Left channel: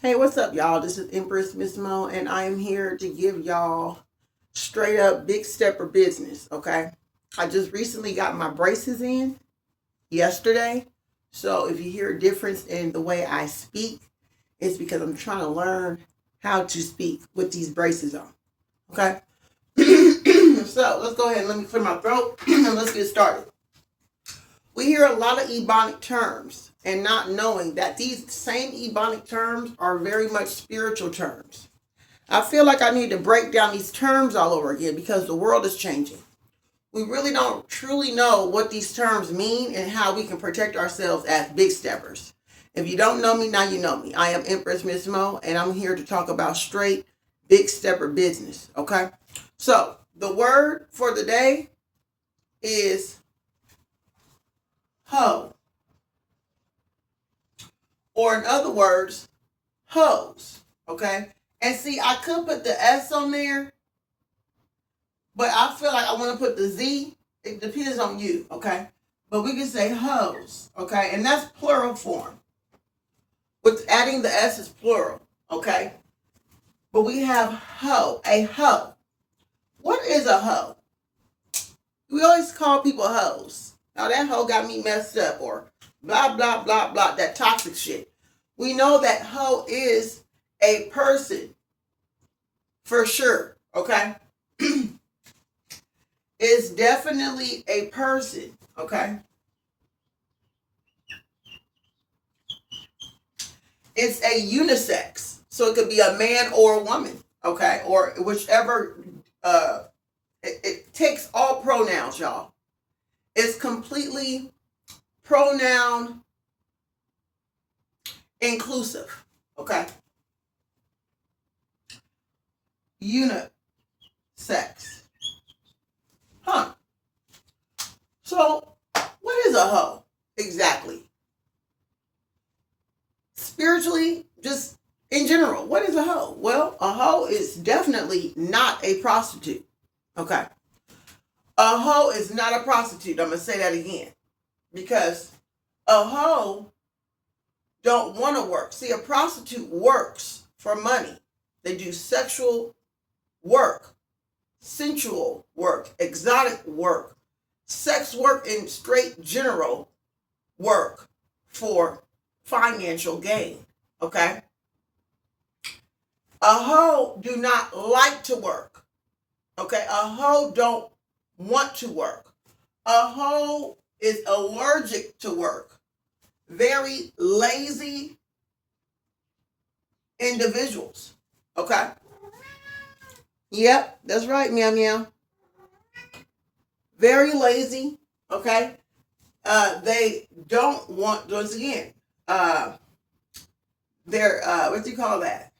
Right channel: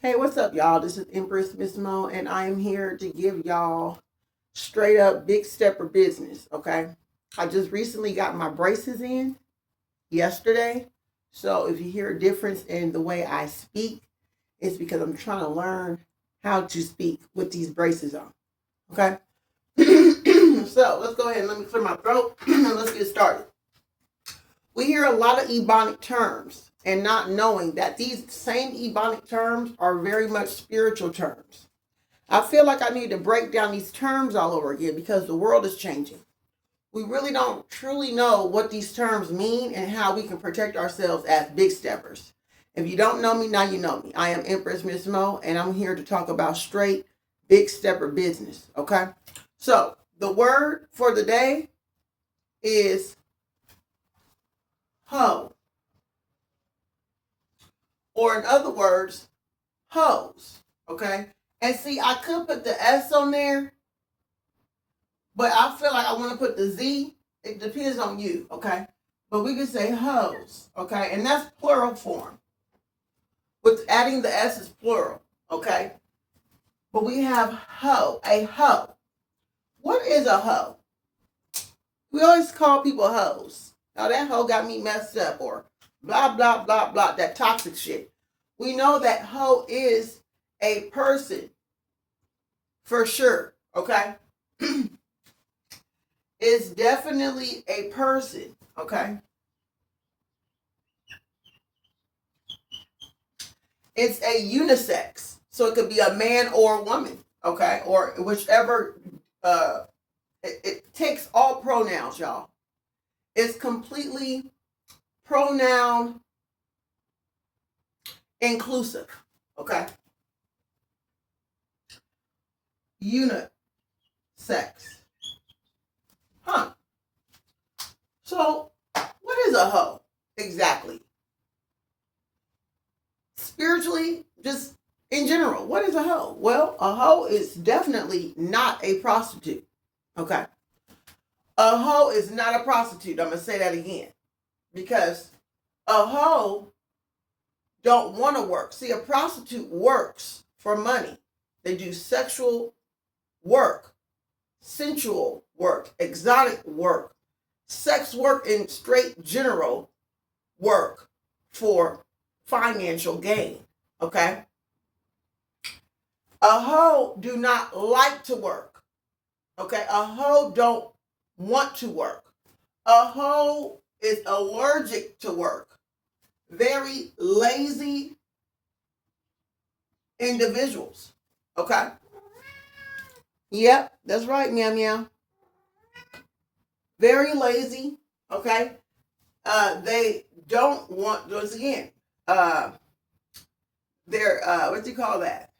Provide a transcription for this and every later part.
Hey, what's up, y'all? This is Empress Miss Mo, and I am here to give y'all straight up big stepper business. Okay, I just recently got my braces in yesterday, so if you hear a difference in the way I speak, it's because I'm trying to learn how to speak with these braces on. Okay, so let's go ahead and let me clear my throat and let's get started. We hear a lot of Ebonic terms and not knowing that these same Ebonic terms are very much spiritual terms. I feel like I need to break down these terms all over again because the world is changing. We really don't truly know what these terms mean and how we can protect ourselves as big steppers. If you don't know me, now you know me. I am Empress Miss Mo, and I'm here to talk about straight big stepper business. Okay? So, the word for the day is hoe, or in other words, hose. Okay? And see, I could put the S on there, but I feel like I want to put the Z. It depends on you, okay? But we can say hose, okay? And that's plural form. With adding the S is plural, okay? But we have hoe, a hoe. What is a hoe? We always call people hoes. Now that hoe got me messed up, or blah, blah, blah, blah, that toxic shit. We know that hoe is a person for sure, okay? It's definitely a person, okay? It's a unisex, so it could be a man or a woman, okay, or whichever. It takes all pronouns, y'all. It's completely pronoun inclusive, okay. Unisex, huh? So, what is a hoe exactly? Spiritually, just in general, what is a hoe? Well, a hoe is definitely not a prostitute. Okay. A hoe is not a prostitute. I'm going to say that again. Because a hoe don't want to work. See, a prostitute works for money. They do sexual work, sensual work, exotic work, sex work, and straight general work for financial gain. Okay? A hoe do not like to work. Okay? A hoe don't want to work. A hoe is allergic to work. Very lazy individuals. Okay? Yep, that's right, meow meow. Very lazy. Okay? They don't want, once again, they're, what do you call that?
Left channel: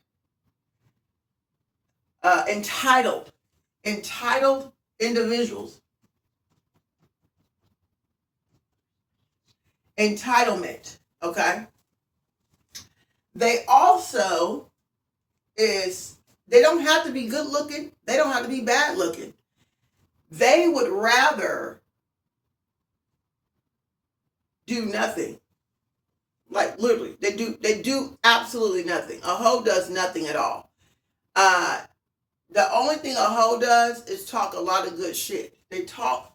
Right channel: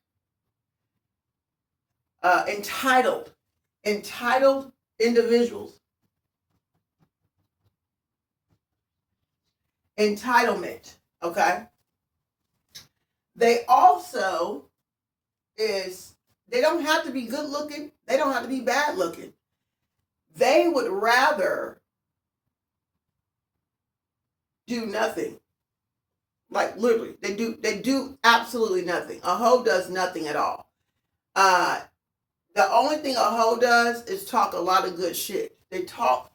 Entitled. Entitled individuals. Entitlement. Okay? They also they don't have to be good looking. They don't have to be bad looking. They would rather do nothing. Like literally, they do absolutely nothing. A hoe does nothing at all. Uh, the only thing a hoe does is talk a lot of good shit. They talk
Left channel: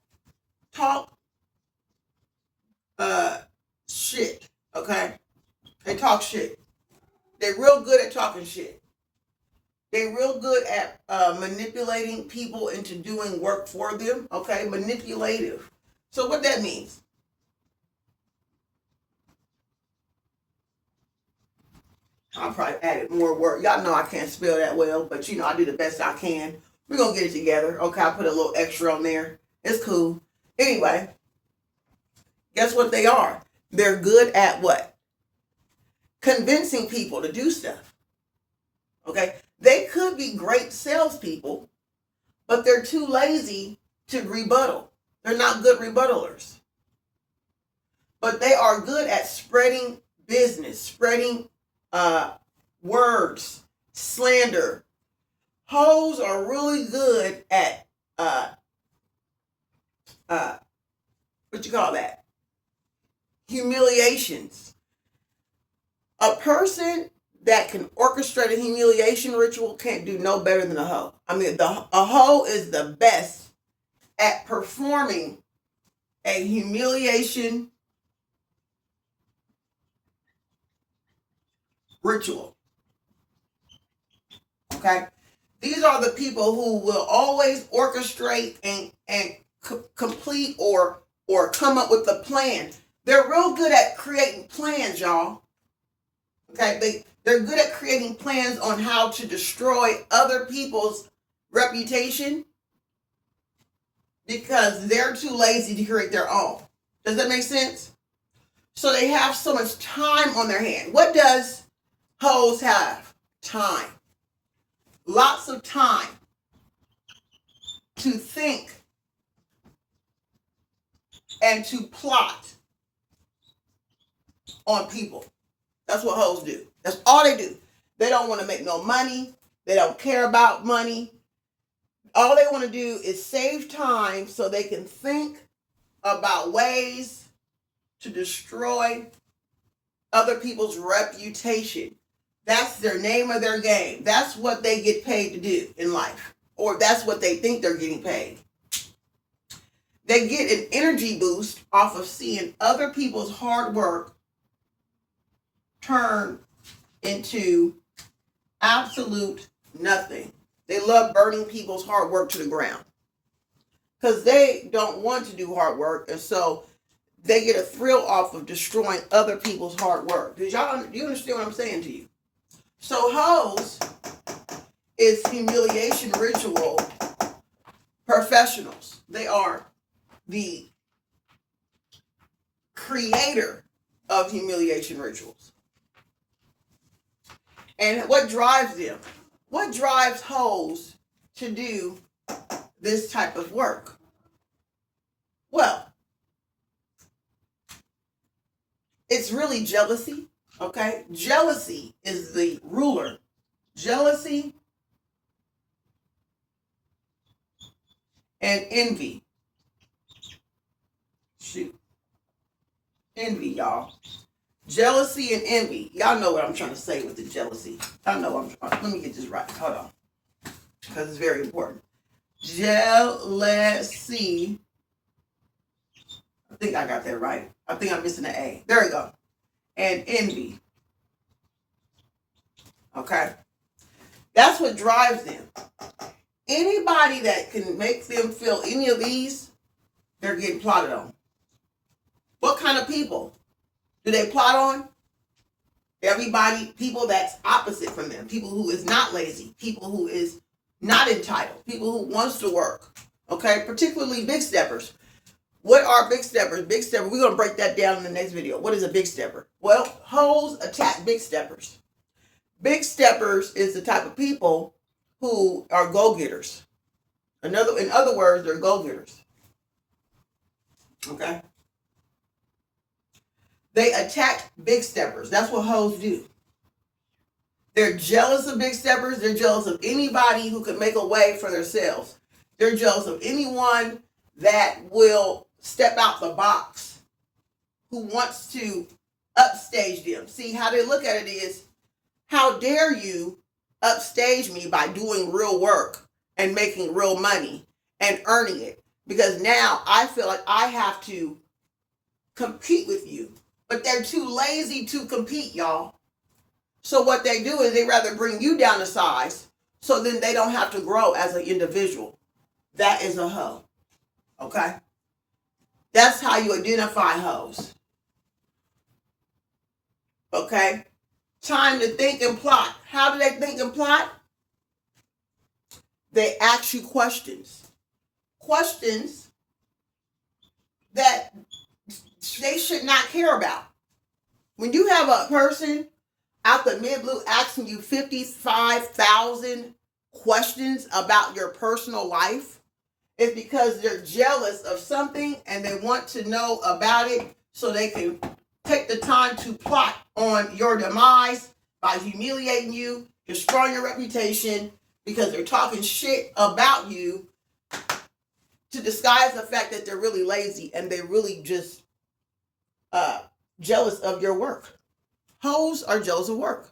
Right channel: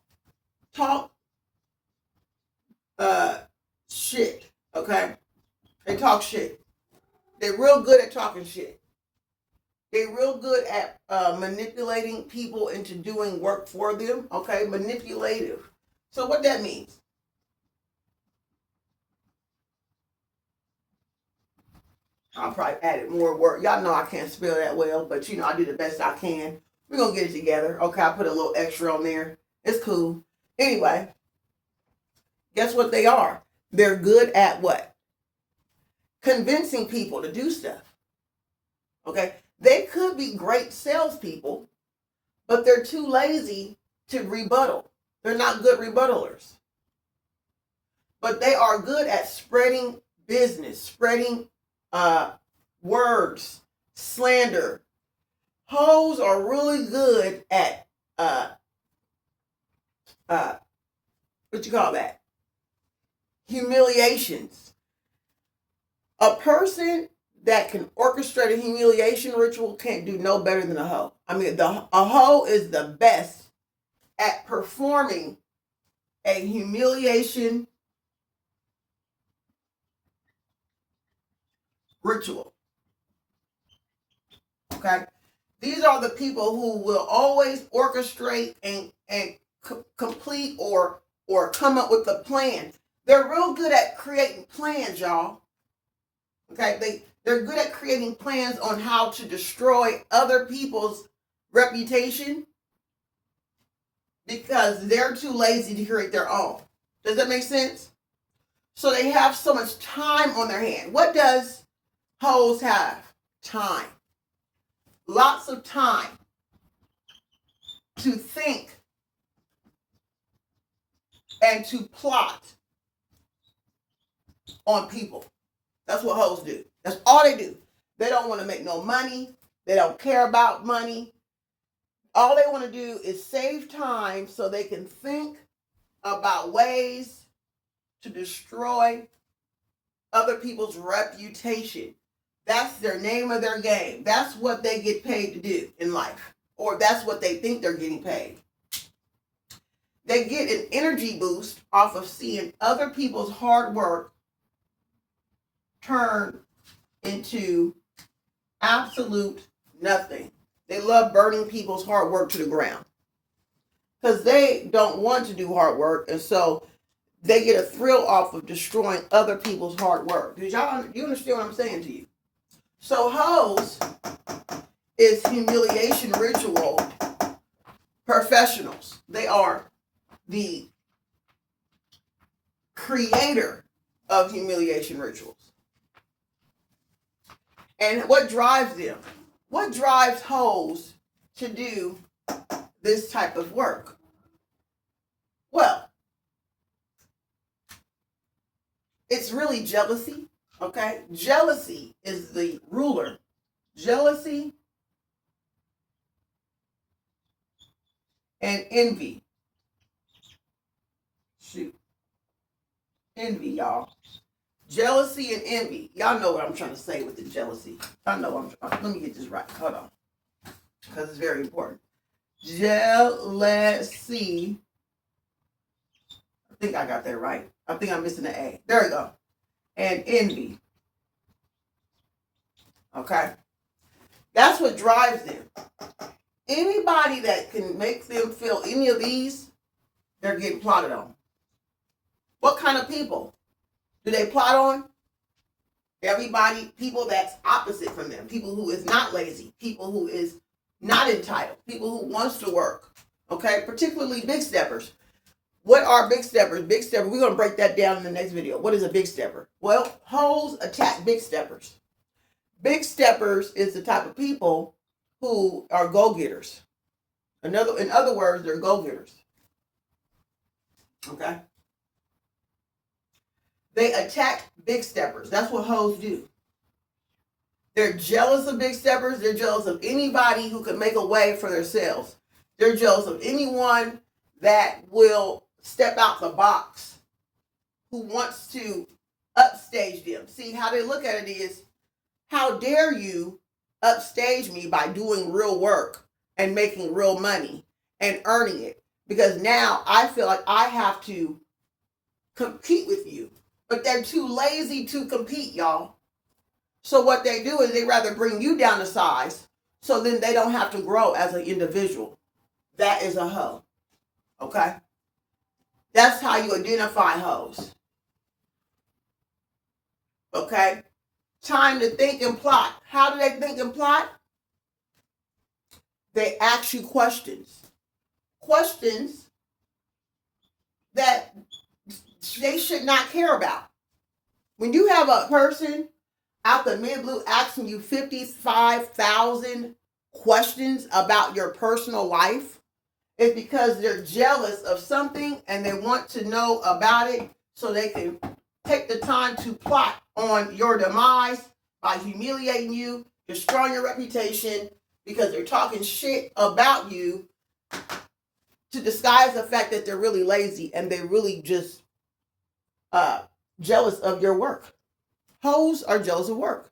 uh shit. Okay, they talk shit. They're real good at talking shit. They're real good at manipulating people into doing work for them. Okay, manipulative. So what that means? I'll probably added more work. Y'all know I can't spell that well, but you know I do the best I can. We're gonna get it together. Okay, I put a little extra on there. It's cool. Anyway, guess what they are? They're good at what? Convincing people to do stuff. Okay, they could be great salespeople, but they're too lazy to rebuttal. They're not good rebuttalers, but they are good at spreading business, spreading uh, words, slander. Hoes are really good at uh, what you call that? Humiliations. A person that can orchestrate a humiliation ritual can't do no better than a hoe. I mean, a hoe is the best at performing a humiliation ritual. Okay? These are the people who will always orchestrate and complete or come up with a plan. They're real good at creating plans, y'all. Okay? They're good at creating plans on how to destroy other people's reputation because they're too lazy to create their own. Does that make sense? So they have so much time on their hand. What does hoes have? Time. Lots of time to think and to plot on people. That's what hoes do. That's all they do. They don't want to make no money. They don't care about money. All they want to do is save time so they can think about ways to destroy other people's reputation. That's their name of their game. That's what they get paid to do in life. Or that's what they think they're getting paid. They get an energy boost off of seeing other people's hard work turn into absolute nothing. They love burning people's hard work to the ground because they don't want to do hard work, and so they get a thrill off of destroying other people's hard work. Do you understand what I'm saying to you? So hoes is humiliation ritual professionals. They are the creator of humiliation rituals. And what drives them? What drives hoes to do this type of work? Well, it's really jealousy, okay? Jealousy is the ruler. Jealousy and envy. Shoot. Envy, y'all. Jealousy and envy. Y'all know what I'm trying to say with the jealousy. I know let me get this right. Hold on. Because it's very important. Jealousy. I think I got that right. I think I'm missing an A. There we go. And envy. Okay? That's what drives them. Anybody that can make them feel any of these, they're getting plotted on. What kind of people do they plot on? Everybody, people that's opposite from them. People who is not lazy. People who is not entitled. People who wants to work. Okay? Particularly big steppers. What are big steppers? Big stepper, we're going to break that down in the next video. What is a big stepper? Well, hoes attack big steppers. Big steppers is the type of people who are go-getters. In other words, they're go-getters. Okay? They attack big steppers. That's what hoes do. They're jealous of big steppers. They're jealous of anybody who can make a way for themselves. They're jealous of anyone that will step out the box, who wants to upstage them. See, how they look at it is, how dare you upstage me by doing real work and making real money and earning it? Because now I feel like I have to compete with you. But they're too lazy to compete, y'all. So what they do is they rather bring you down to size so then they don't have to grow as an individual. That is a hoe. Okay? That's how you identify hoes. Okay? Time to think and plot. How do they think and plot? They ask you questions. Questions that they should not care about. When you have a person out the mid-blue asking you 55,000 questions about your personal life, it's because they're jealous of something and they want to know about it so they can take the time to plot on your demise by humiliating you, destroying your reputation, because they're talking shit about you to disguise the fact that they're really lazy and they're really just jealous of your work. Hoes are jealous of work.